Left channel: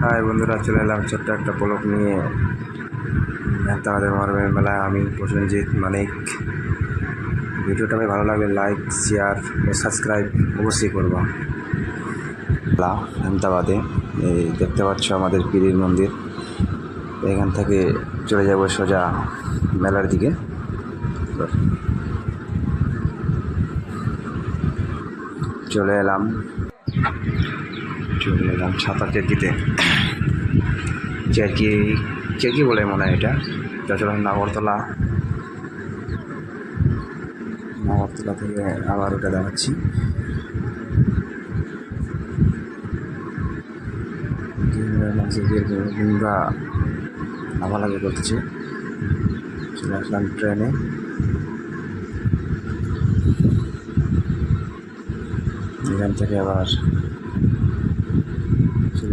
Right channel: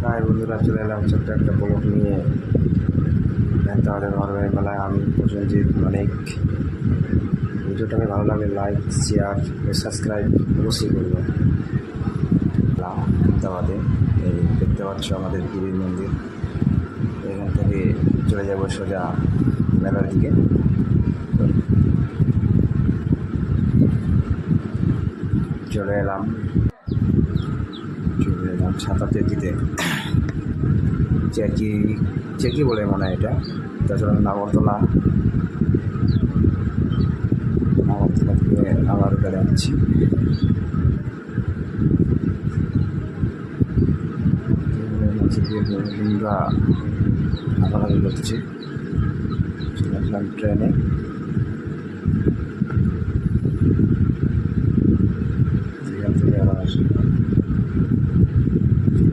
High বন্ধুরা, চলে এলাম ছোট্ট একটা ব্লগ নিয়ে। আমাদের মহারমের মেলায় আমি প্রসেনজিৎ মানিক। ভিডিওটা ভাই ভালো লাগলে লাইক, শেয়ার ও সাবস্ক্রাইব অবশ্যই করবো। আহমেদাবাদে এই দেখতে পাচ্ছ আমাদের পীরের মন্দির। এখান থেকে চলে যাব সোজা মেলার দিকে। চলে এলাম ছাতা চেরকিতে। চেরকি বলে মনে হয় এটা। চলুন নাগরতলা থেকে আবার ওটা দেখাচ্ছি। লিঙ্গা লাফালাফি করছে। চলে আসলাম ট্রেনে। এখান থেকে আবার